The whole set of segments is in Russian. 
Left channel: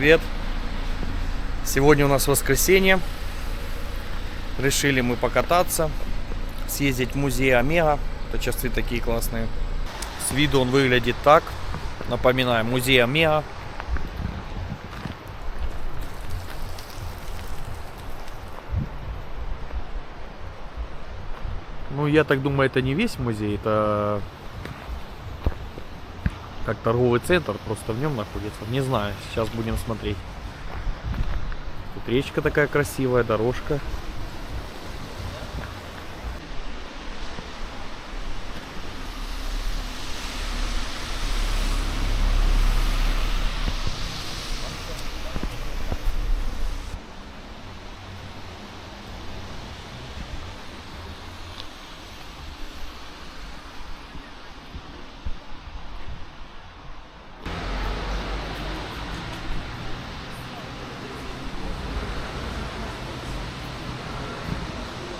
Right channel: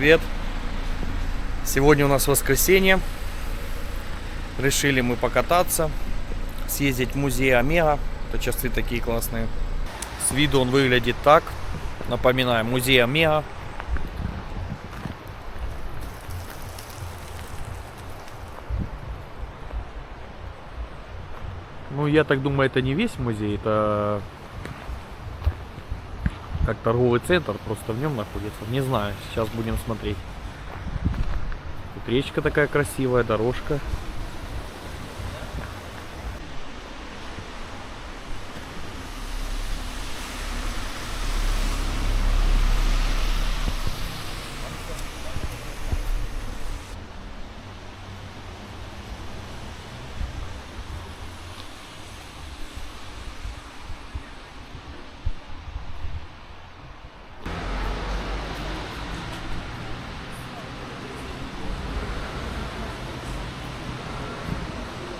привет! Сегодня у нас воскресенье. Решили мы покататься, съездить в музей Омега. Это часы такие классные. С виду он выглядит так. Напоминаем, музей Омега. Ну, я так думаю, это не весь музей, это как торговый центр, просто в нем находится. Не знаю, сейчас будем смотреть. Тут речка такая красивая, дорожка.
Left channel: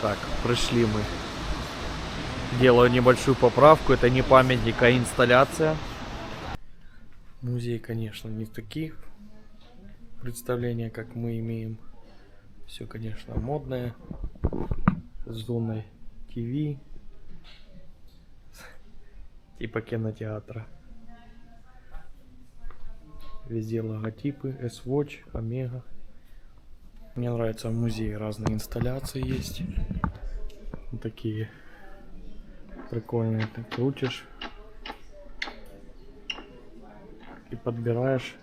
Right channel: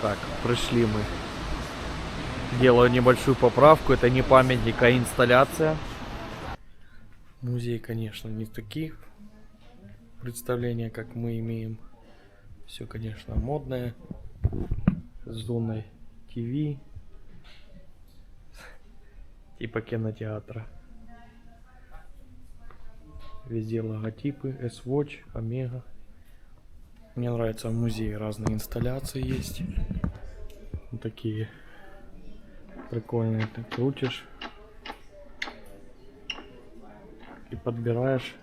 Так, пришли мы. Делаю небольшую поправку. Это не памятник, а инсталляция. Музей, конечно, не таких представления, как мы имеем. Все, конечно, модное. С зоной ТВ. Типа кинотеатра. Везде логотипы. S-Watch, Омега. Мне нравится в музее, разные инсталляции есть. Вот такие прикольные. Ты крутишь и подбираешь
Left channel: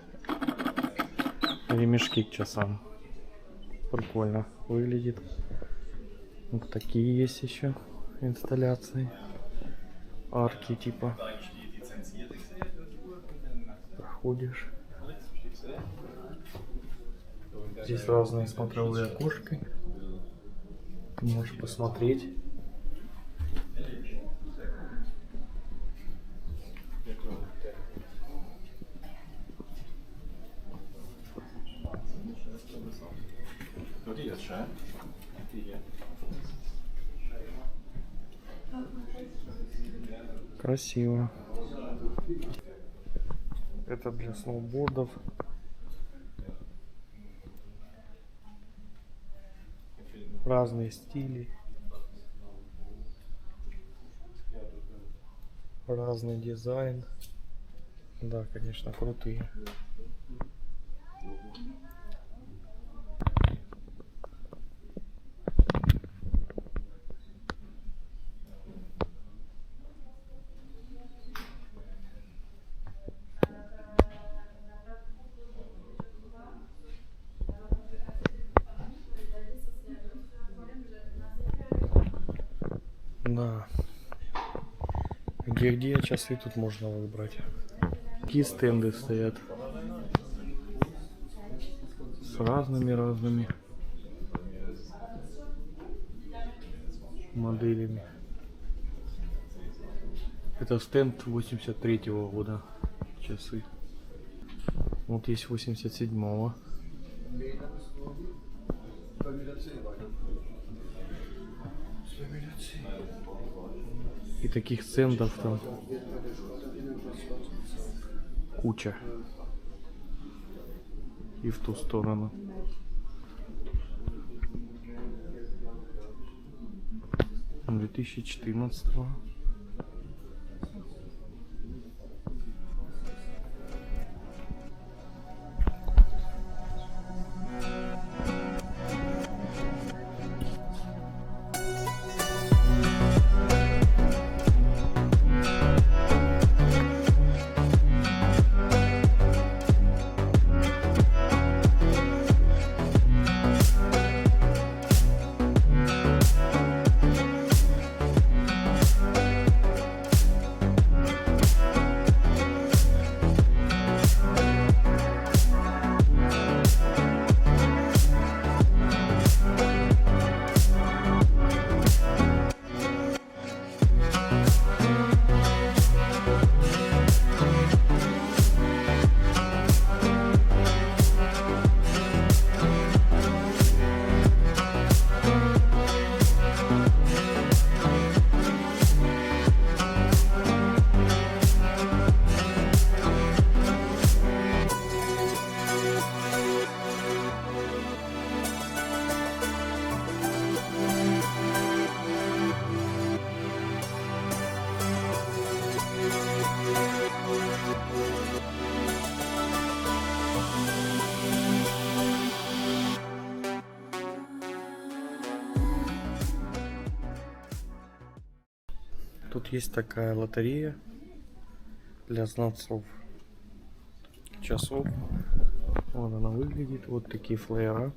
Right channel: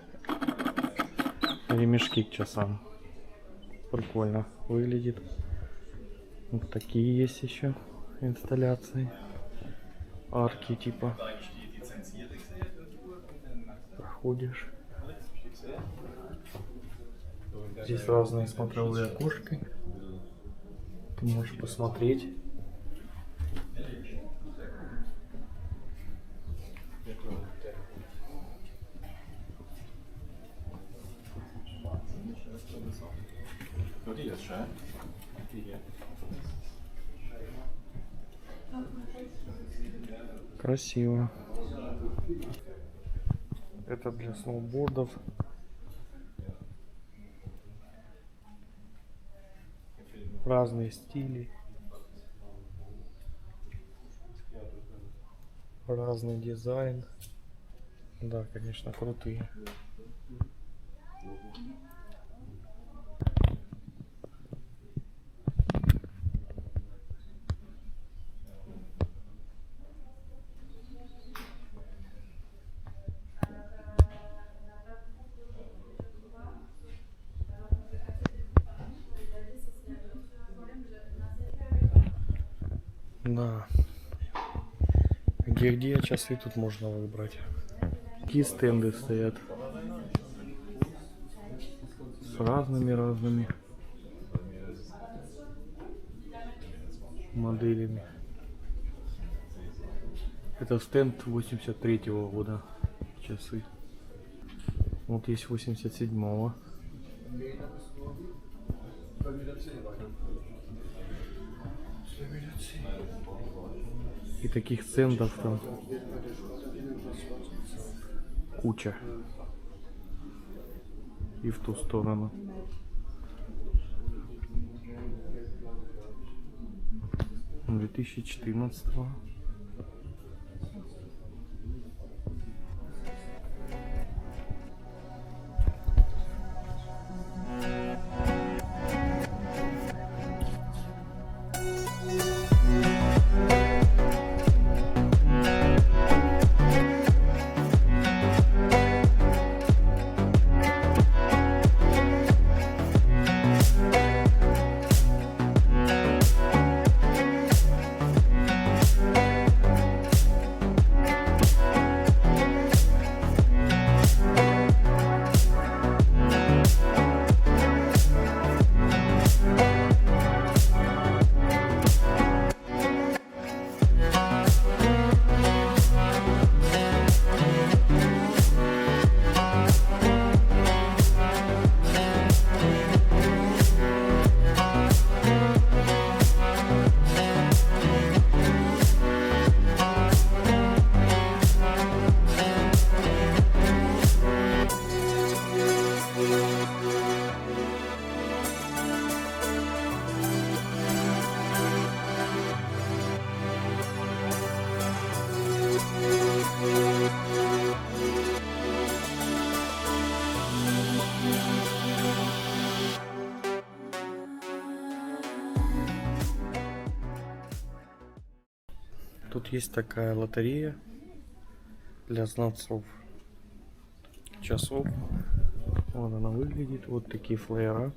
ремешки к часам. Прикольно выглядит. Вот такие есть еще инсталляции. Арки типа. Проходишь. Здесь разные смотровые окошки. Ты можешь посмотреть. Красиво. Это для сноубордов. Разные стили. Разный дизайн. Да, конечно, крутые. Да. Где часы тут можно выбрать. Такие стенды стоят. С разными моделями. Это стенд 83-го года. Часы. Вот есть 87-го. И таких стендов там куча. И в ту сторону. — 2014-го. Тут есть такая лотерея для знатцов часов. Вот она выглядит. Вот такие флеера.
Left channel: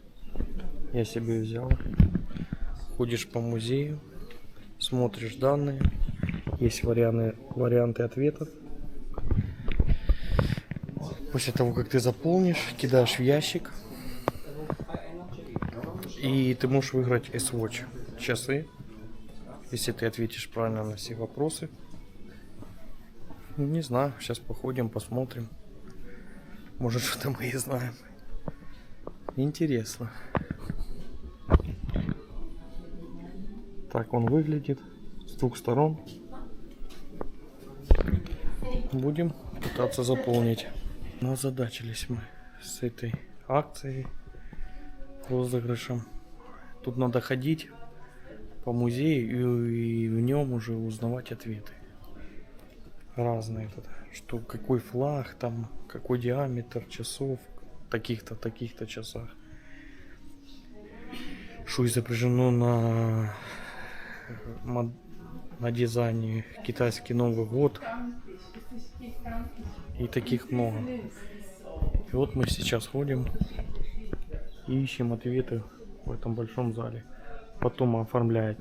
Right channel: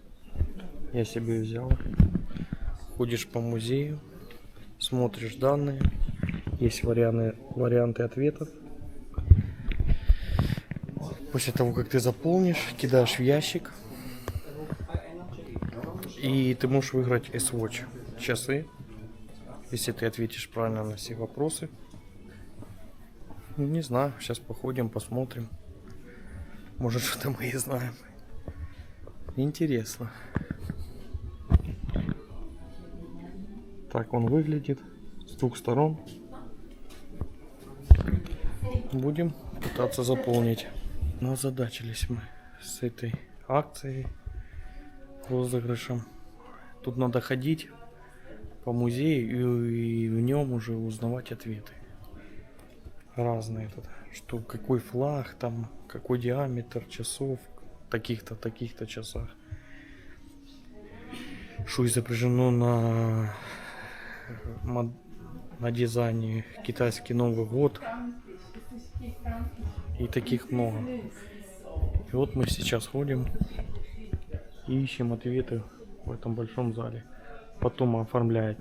Я себе взял. Ходишь по музею, смотришь данные. Есть варианты ответов. После того, как ты заполнишь, кидаешь в ящик. И ты можешь выиграть S-Watch часы, если ты ответишь правильно на все вопросы. Не знаю, сейчас походим, посмотрим. Может, что-то мы и знаем. Интересно. Так он выглядит с двух сторон. Будем пытаться заполнить. Но озадачились мы с этой акцией, розыгрышем. Тут надо ходить по музею и в нем уже узнавать ответы. Разные тут. Что, какой флаг, там, какой диаметр часов, таких-то часах. Что изображено на дизайне китайский Новый год. И таких много. И вот мы сейчас ходим и ищем ответы в этом большом зале. Потом оформляешь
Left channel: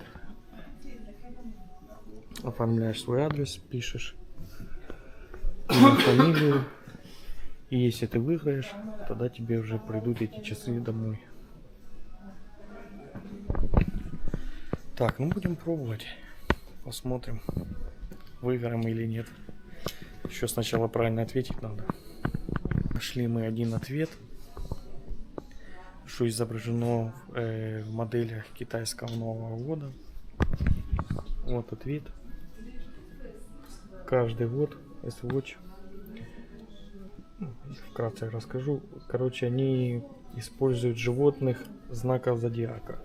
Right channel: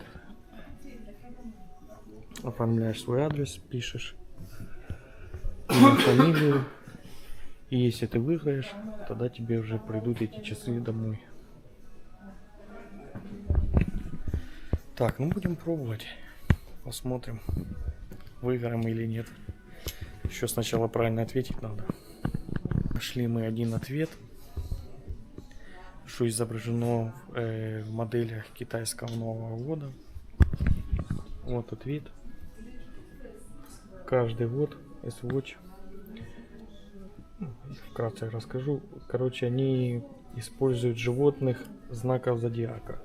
свой адрес, пишешь имя, фамилию. И если ты выиграешь, тогда тебе уже придут эти часы домой. Так, ну будем пробовать. Посмотрим, выиграем или нет. Еще сначала правильно ответить надо. Нашли мы один ответ, что изображено в моделях китайского Нового года. Вот ответ. Каждый год S-Watch. Вкратце расскажу. Короче, они используют животных знаков зодиака.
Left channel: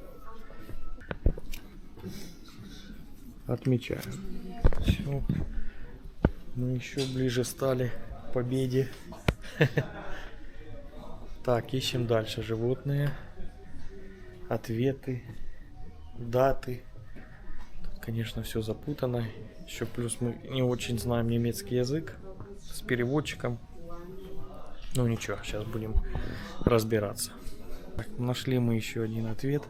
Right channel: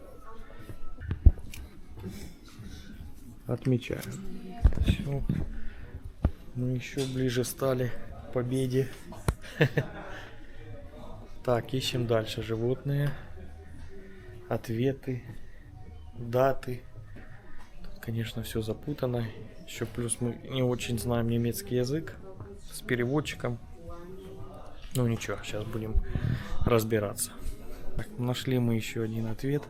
Отмечаем. Все. Мы еще ближе стали к победе. Так, ищем дальше животные, ответы, даты. Тут, конечно, все запутано. Еще плюс мы не очень знаем немецкий язык с переводчиком. Ну ничего, сейчас будем разбираться. Так, нашли мы еще один ответ.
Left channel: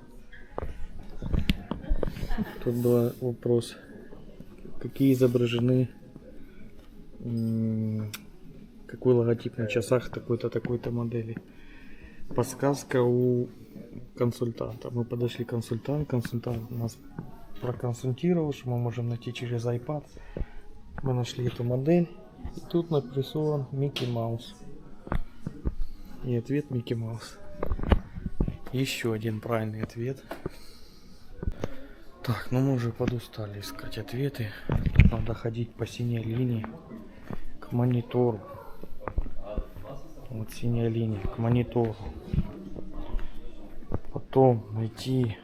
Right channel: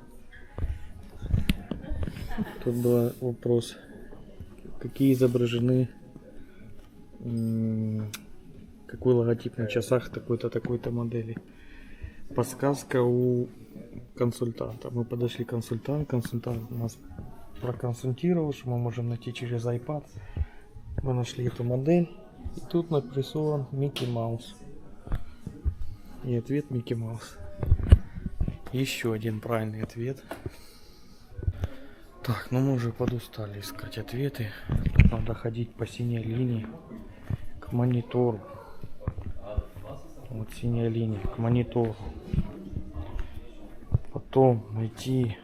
Тут был вопрос, какие изображены, какой логотип на часах такой-то модели. Подсказка у консультанта. Мы подошли к консультанту, консультант нас проконсультировал, что мы можем найти через iPad. Мы нашли эту модель, и тут нарисован Микки Маус. И ответ Микки Маус. Еще один правильный ответ. Так, ну мы уже подустали искать ответы. Тут надо ходить по синей линии к монитору. Вот синяя линия к монитору. Потом найти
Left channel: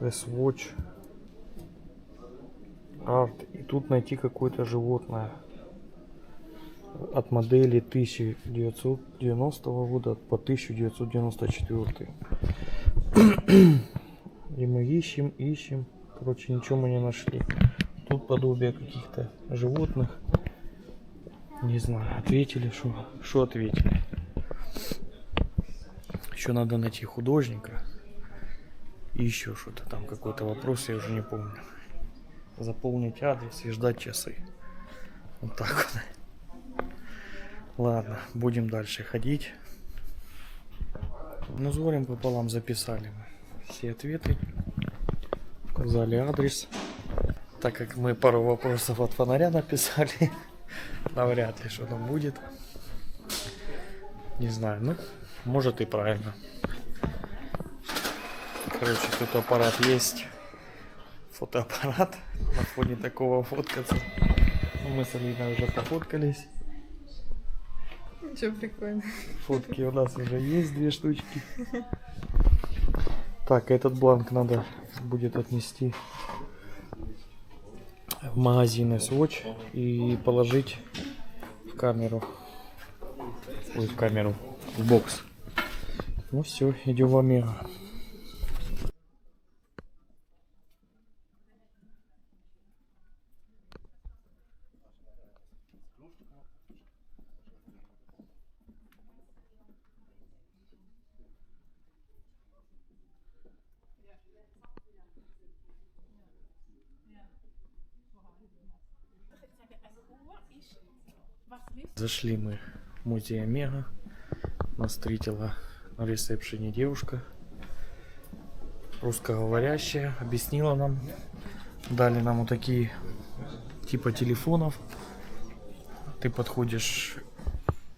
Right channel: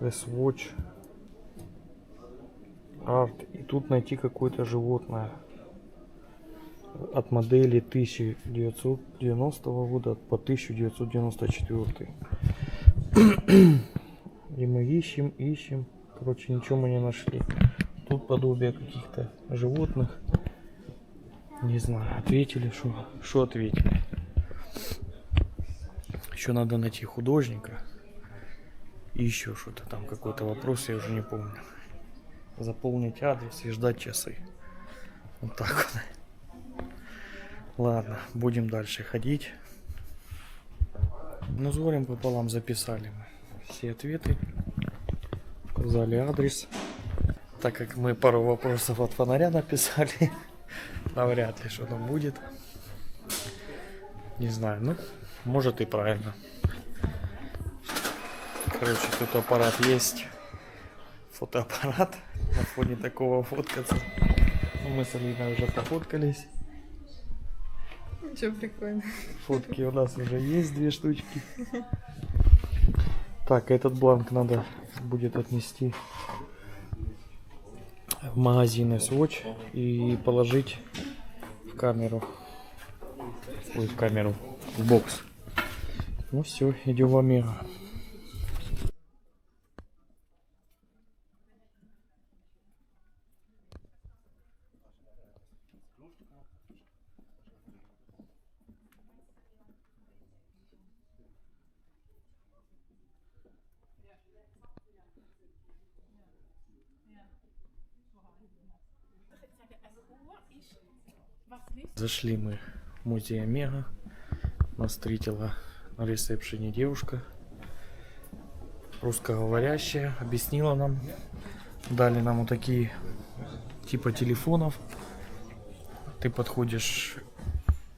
S-Watch Art. И тут найти какое-то животное от модели 1990 года по 1994. И мы ищем. Короче, ничего мы не нашли. Тут подобие каких-то животных. Не знаю, ответили, что ответили. Еще надо найти художника. И еще что-то там, какой-то вопрос, я уже не помню. Заполнить адрес и ждать часы. Вот так вот. Ладно, будем дальше ходить. Ну, с горем пополам записали мы все ответы. Указали адрес. Так как мы пару вопросов от фонаря написали, навряд ли что там будет. Не знаю, ну, может и правильно. Короче, тут аппарат есть. Фотоаппарат. На фоне такого фоткаться. Мы с Алиной уже пофоткались. Ничего, прикольно. Фотки у нас уже есть, 2 штучки. Так, этот бланк надо будет отнести в магазин S-Watch и положить в камеру. Ой, в камеру, в бокс. Ну все, идем в Омега. Зашли мы в музей Омега. Нас встретила на ресепшене девушка, русскоговорящая, объяснила нам, дали нам вот такие типа телефонов. Ты подходишь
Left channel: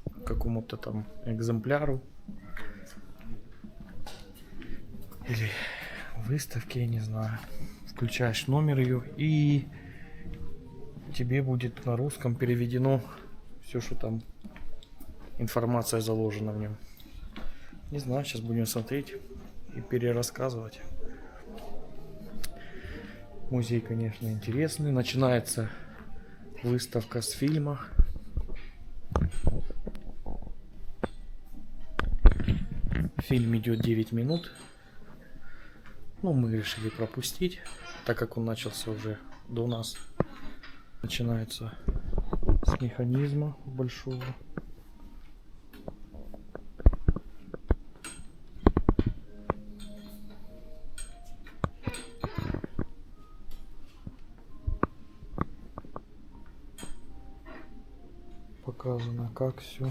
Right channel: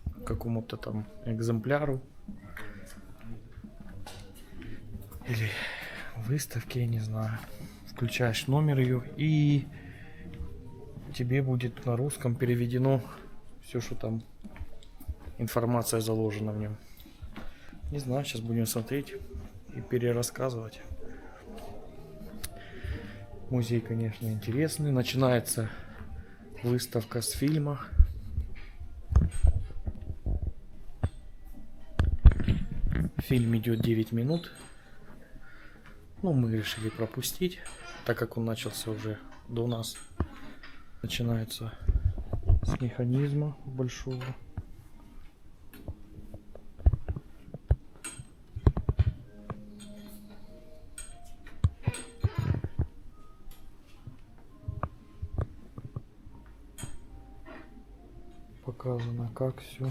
к какому-то там экземпляру или выставке, я не знаю, включаешь номер ее, и тебе будет на русском переведено все, что там информация заложена в нем. Не знаю, сейчас будем смотреть и перерассказывать. Музей, конечно, интересный. Начинается выставка с фильма. Фильм идет 9 минут. Ну, мы решили пропустить, так как он начался уже до нас. Начинается с механизма большого. Показано, как все.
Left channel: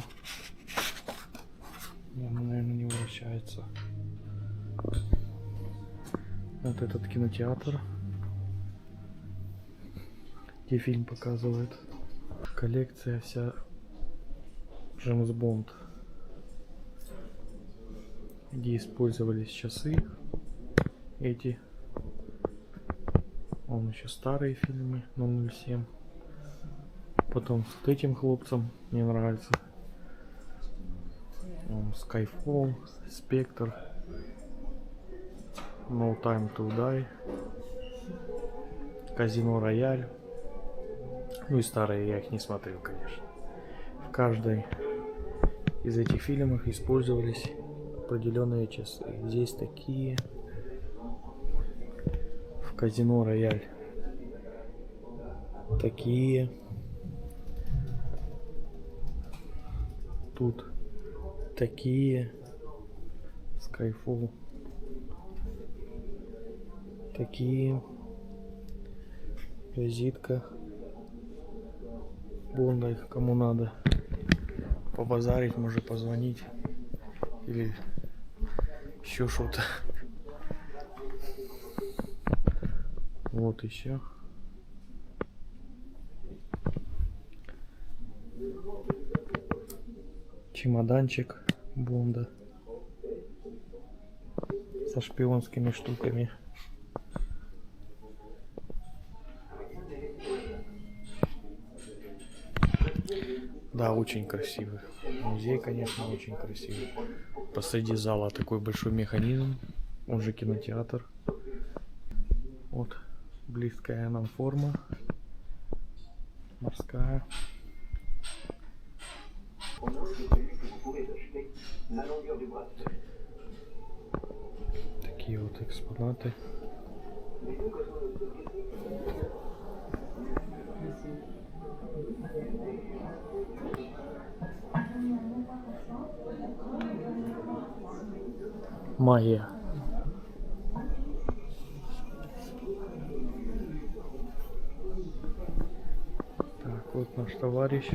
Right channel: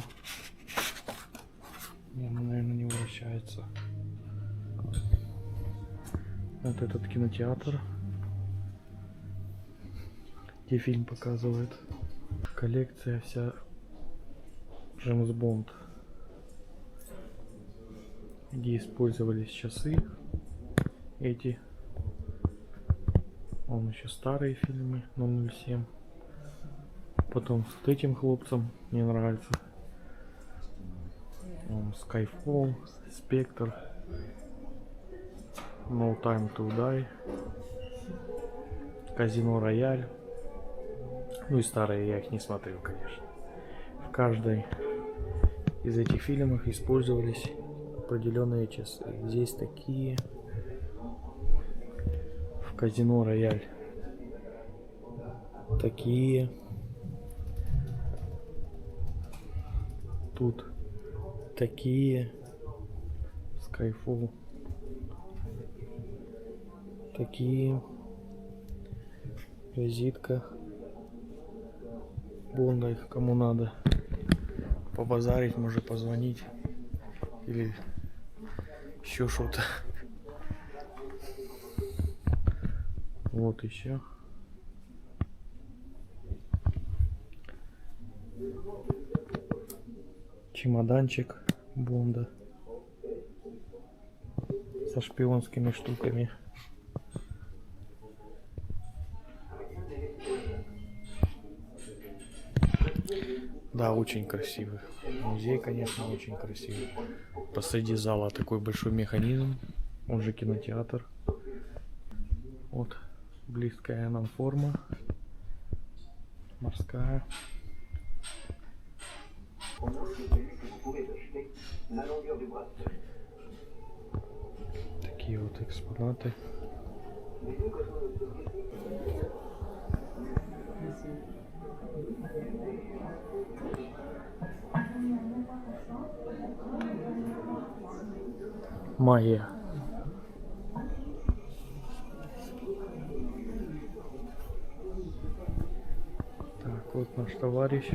Наверное, не вращается. Вот этот кинотеатр, где фильм показывает. Коллекция вся Джеймс Бонд, где использовались часы эти. Он еще старые фильмы, 007. Потом с этим хлопцем мне нравится. Skyfall, Spectre, No Time to Die, Казино Рояль. Ну и старые я их не смотрел, конечно. В каждой из этих фильмов использовались определенные часы. Здесь такие. В Казино Рояль такие. Тут такие. Skyfall такие. Визитка Бонда, их кому надо побазарить, может позвонить или еще что-то. Вот еще. Чемоданчик Бонда со шпионскими штуками. Да, очень красивый. Музей, конечно, очень красивый. Посреди зала такой большой механизм, он же кинотеатр. Вот близкая нам форма. Морская. Такие вот экспонаты. Магия. Так, вот наш товарищ.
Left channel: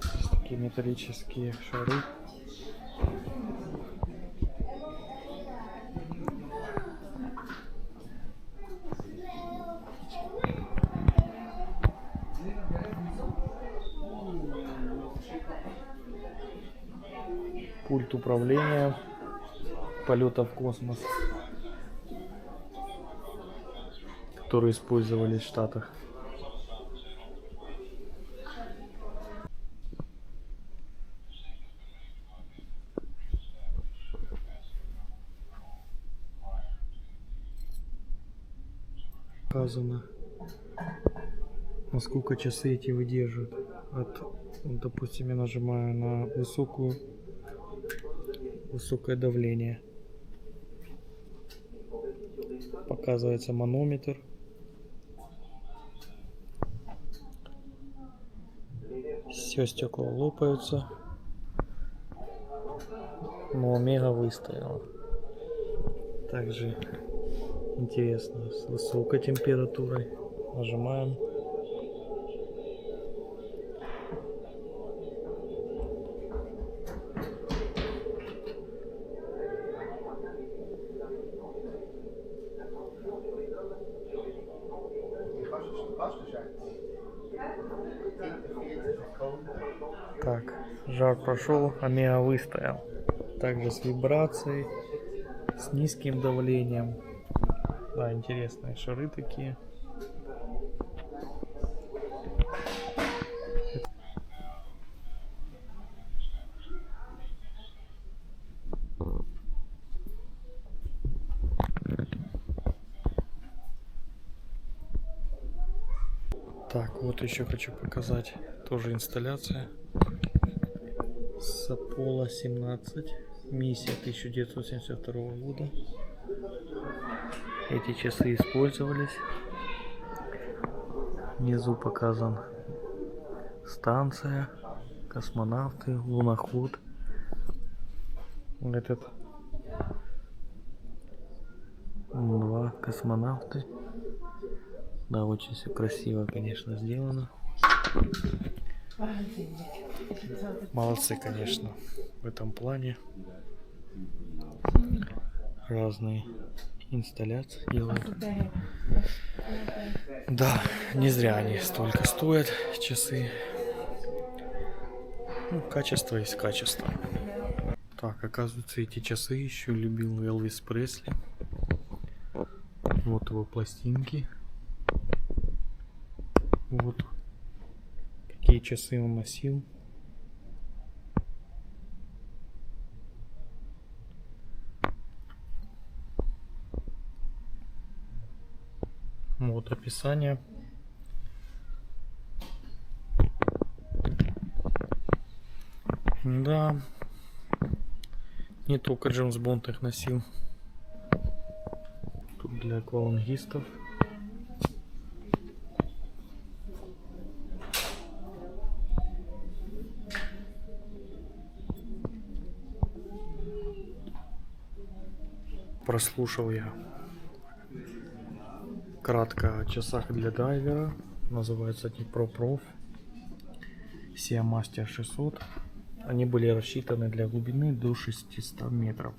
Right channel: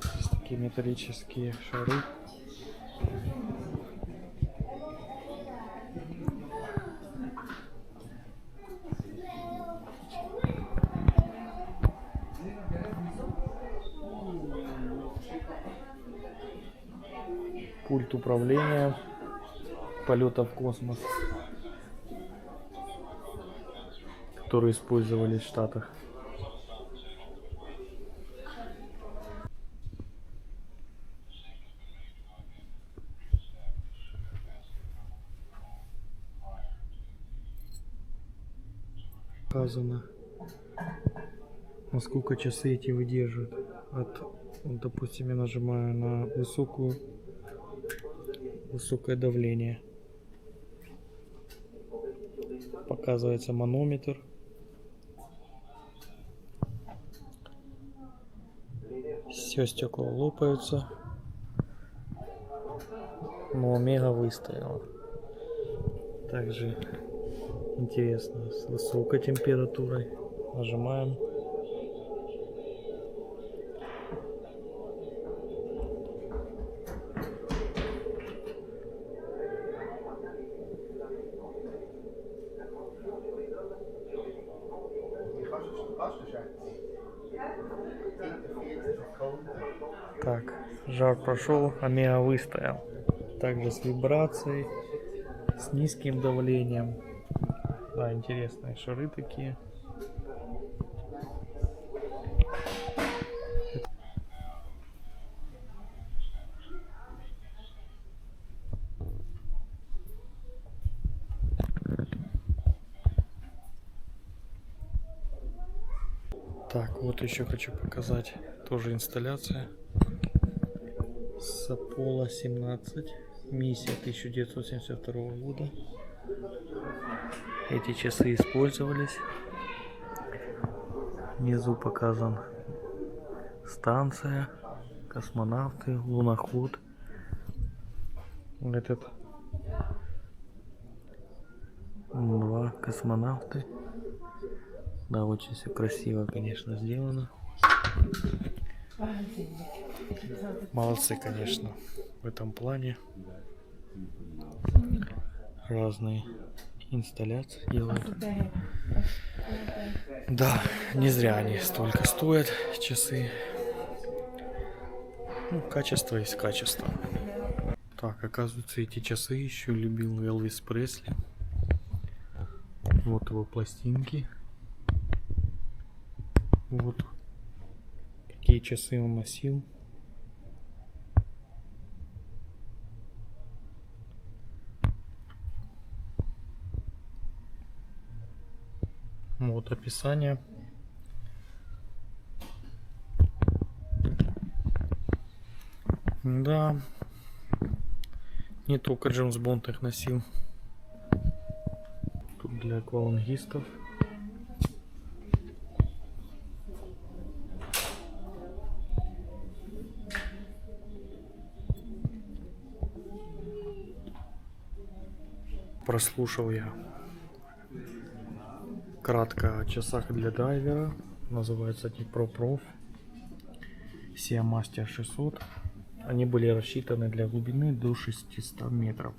Здесь такие металлические шары. Пульт управления полета в космос, которые использовались в Штатах. Показано, насколько часы эти выдерживают. Вот, допустим, я нажимаю на высокое давление. Показывается манометр. Все стекла лопаются. но Омега выстояла. Также интересно, с высокой температурой. Нажимаем. Так, жар прошел, Омега выстоял. Также с вибрацией, с низким давлением. Да, интересные шары такие. Так, вот еще хочу показать тоже инсталляция. Сапола 17, миссия 1972 года. Эти часы использовались. Внизу показан станция, космонавты, луноход. Этот два космонавты. Да, очень все красиво, конечно, сделано. Молодцы, конечно, в этом плане. Разные инсталляции делают. Да, не зря они столько стоят, часы. Ну, качество есть качество. Так, оказывается, эти часы еще любил Элвис Пресли. Вот его пластинки. Вот какие часы он носил. Вот описание. Да, не только Джеймс Бонд их носил. Тут для аквалангистов. Прослушал я кратко о часах для дайвера. Называется Dnipro Prof Seamaster 600. Они были рассчитаны для глубины до 600 метров.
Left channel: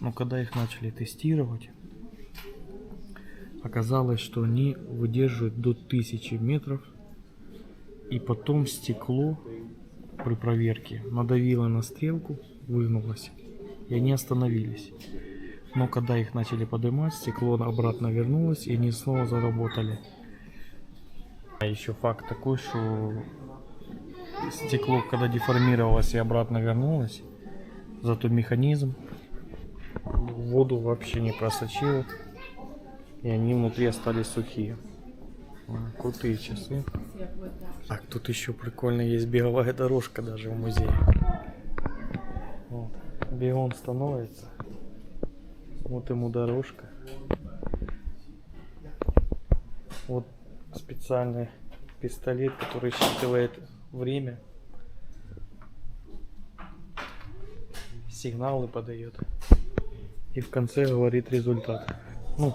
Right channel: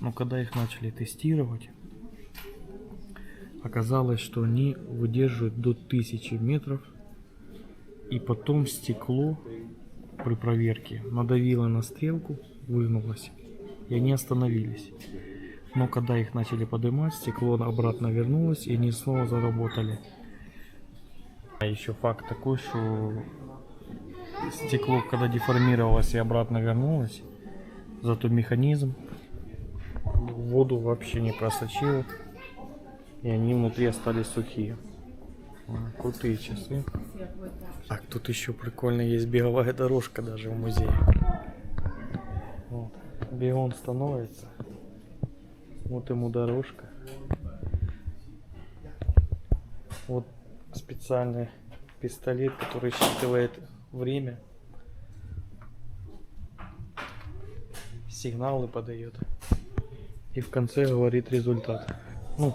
Но когда их начали тестировать, оказалось, что они выдерживают до 1000 метров. И потом стекло при проверке надавило на стрелку, выгнулось, и они остановились. Но когда их начали поднимать, стекло обратно вернулось, и они снова заработали. А еще факт такой, что стекло, когда деформировалось и обратно вернулось, зато механизм воду вообще не просочил, и они внутри остались сухие. Крутые часы. Так, тут еще прикольно есть беговая дорожка даже в музее. Вот. Бегун становится. Вот ему дорожка. Вот специальный пистолет, который считывает время. Сигналы подает. И в конце говорит результат. Ну,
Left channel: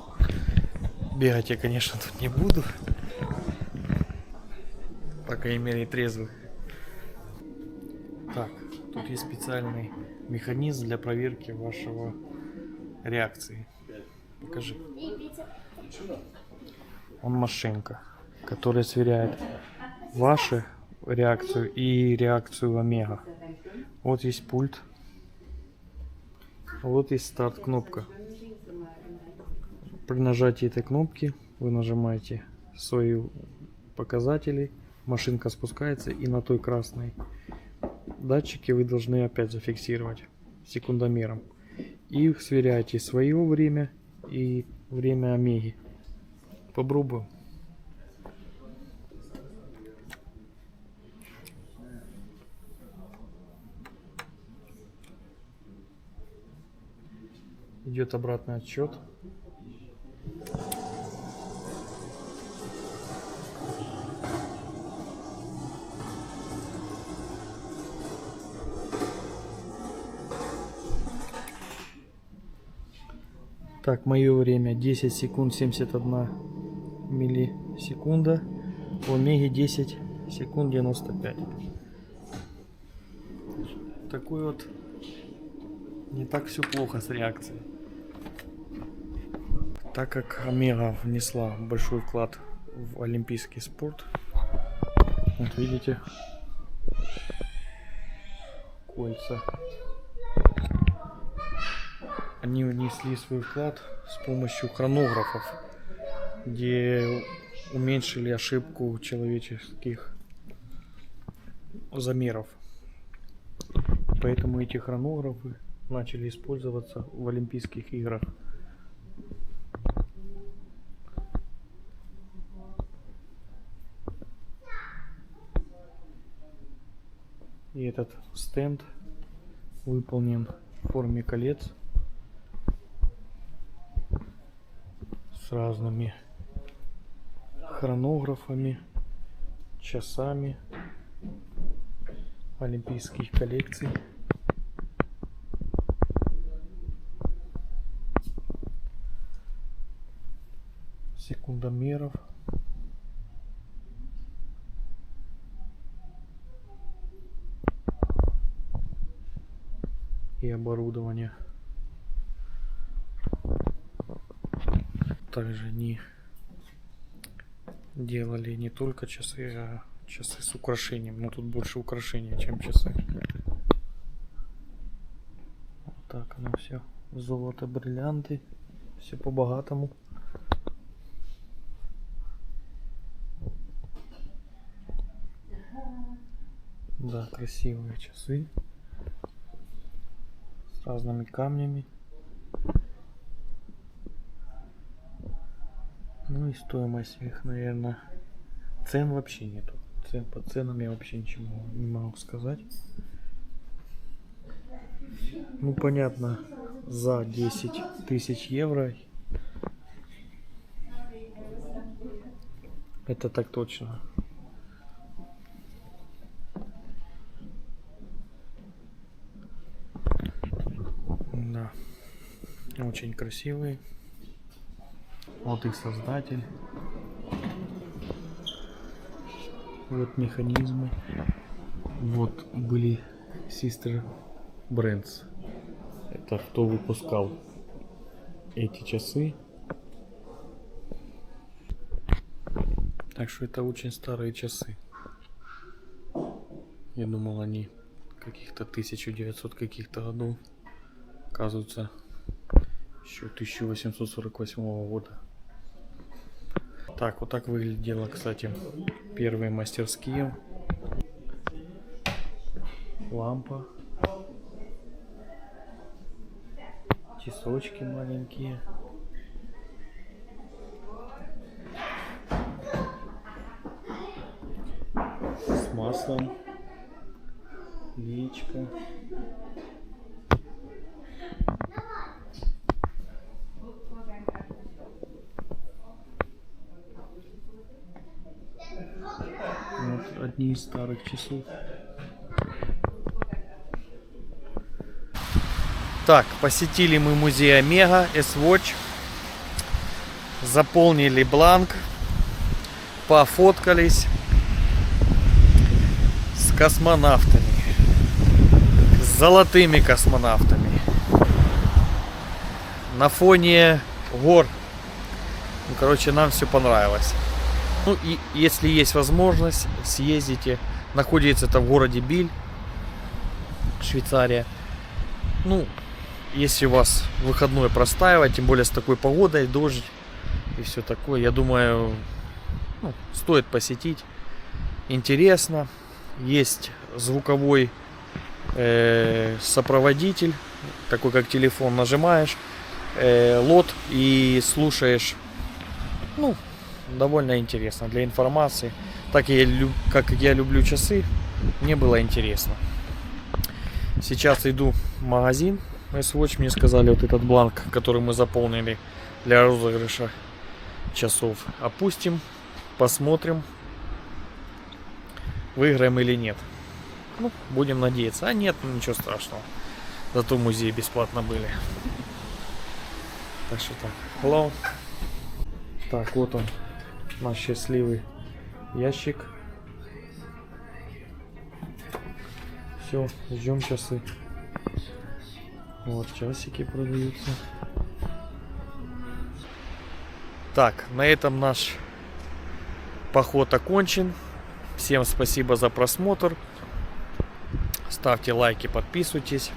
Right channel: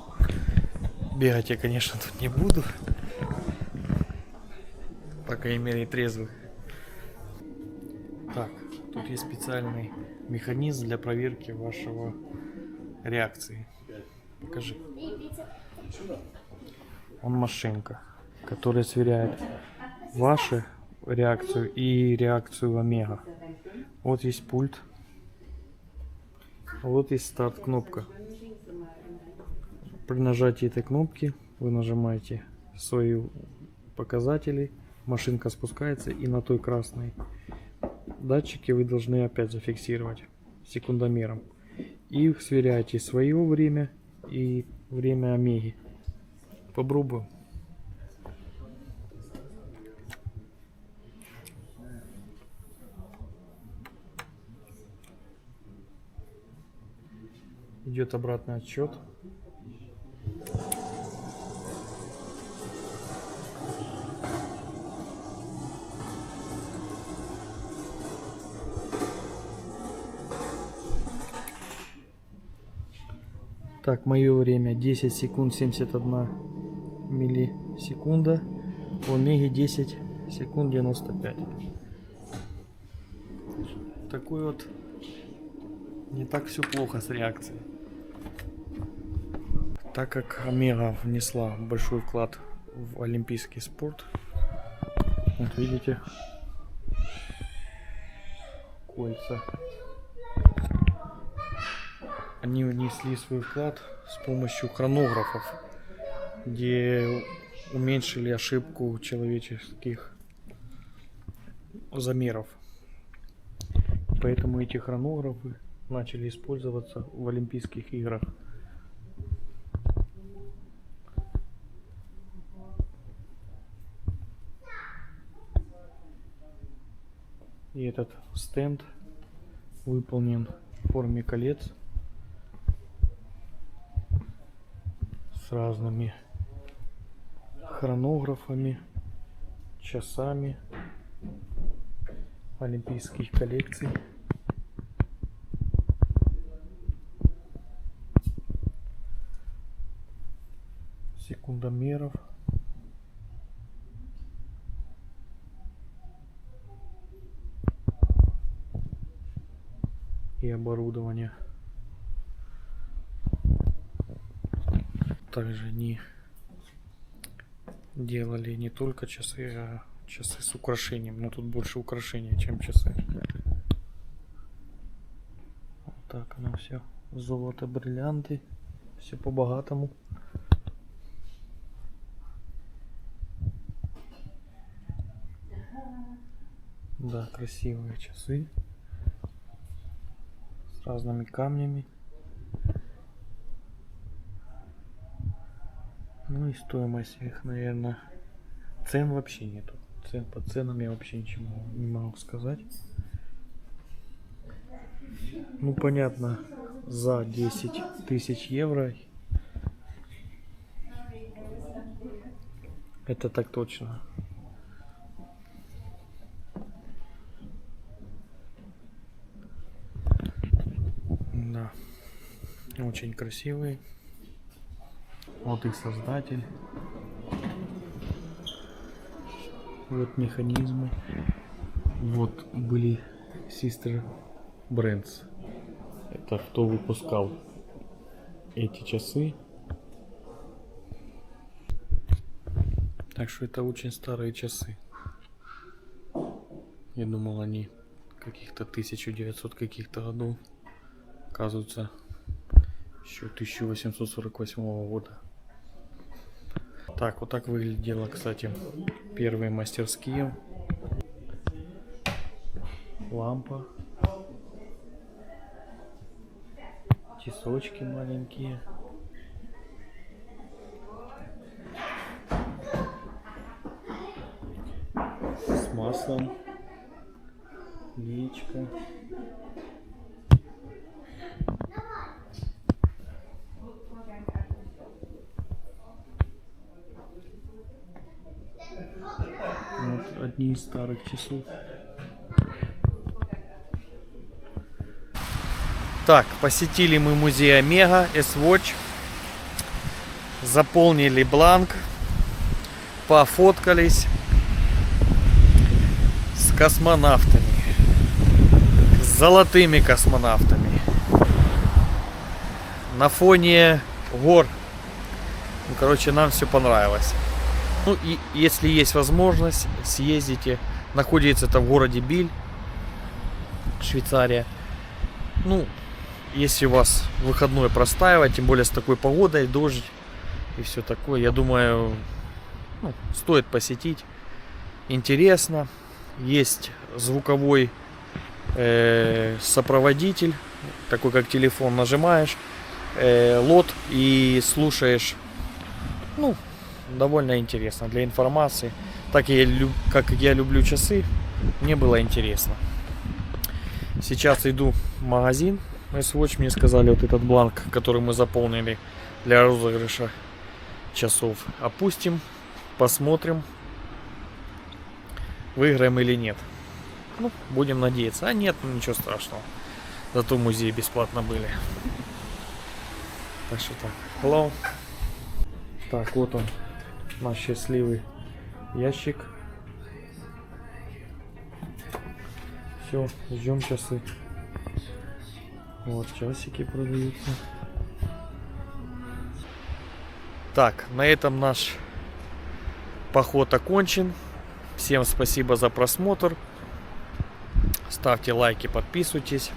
бегать я, конечно, тут не буду. По крайней мере, трезвых. Так, тут есть специальный механизм для проверки вашего реакции. Покажи. Он машинка, которая сверяет вашу реакцию и реакцию Омега. Вот есть пульт. Вот есть старт кнопка. При нажатии этой кнопки вы нажимаете свои показатели. Машинка спускается, и на той красной датчике вы должны опять зафиксировать секундомером. И сверяйте свое время и время Омеги. Попробуем. Идет обратный отсчет. Так, мое время 10 секунд 71 миллисекунда. У Омеги 10 секунд 95. Такой вот не так все плохо с реакцией. Так как Омега внесла большой вклад в олимпийский спорт, вот видите, кольца. Они внесли свой вклад с помощью хронографов, где уменьшили ошибку человеческих замеров. Поэтому эти хронографы начали использоваться в Олимпийских играх. И этот стенд выполнен в форме колец с разными хронографами, часами олимпийских коллекций. Секундомеров. И оборудование. Также они делали не только часы, а часы с украшением. Но тут больше украшения, чем часы. Вот так оно все. Золото, бриллианты. Все по-богатому. Да, красивые часы. С разными камнями. Ну и стоимость их, наверное, цен вообще нету. По ценам я вообще ничего не могу сказать. Ну понятно, за 10 тысяч евро это так точно. Да, очень красивый. Вот их создатель. Вот механизмы. Вот были Sister Brands. Это кто выпускал эти часы. Так что это очень старые часы. Я думал, они каких-то 1900 каких-то годов. Оказывается, еще 1848 года. Так, вот так выглядело, кстати, первые мастерские. Лампа. Часочки маленькие. С маслом. Леечка. Вот одни из старых часов. Так, посетили мы музей Омега, S-Watch. Заполнили бланк. Пофоткались с космонавтами. С золотыми космонавтами. На фоне гор. Ну, короче, нам все понравилось. Ну и если есть возможность, съездите. Находится это в городе Биль, Швейцария. Ну, если у вас выходной простаивать, тем более с такой погодой, дождь и все такое, я думаю, ну, стоит посетить. Интересно. Есть звуковой сопроводитель, такой как телефон, нажимаешь лот и слушаешь. Ну, довольно интересно для информации. Так как я люблю часы, мне было интересно. Сейчас иду в магазин S-Watch. Мне сказали, вот этот бланк, который мы заполнили для розыгрыша часов, опустим, посмотрим, выиграем или нет. Ну, будем надеяться. А нет, ну, ничего страшного. Зато в музее бесплатно были. Так что так. Hello. Так, вот он. Наш счастливый ящик. Все, ждем часы. Вот, часики продаются. Так, на этом наш поход окончен. Всем спасибо за просмотр. Ставьте лайки, подписывайтесь.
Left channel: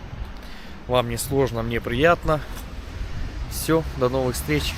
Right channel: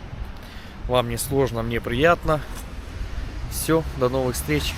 Вам не сложно, мне приятно. Все, до новых встреч.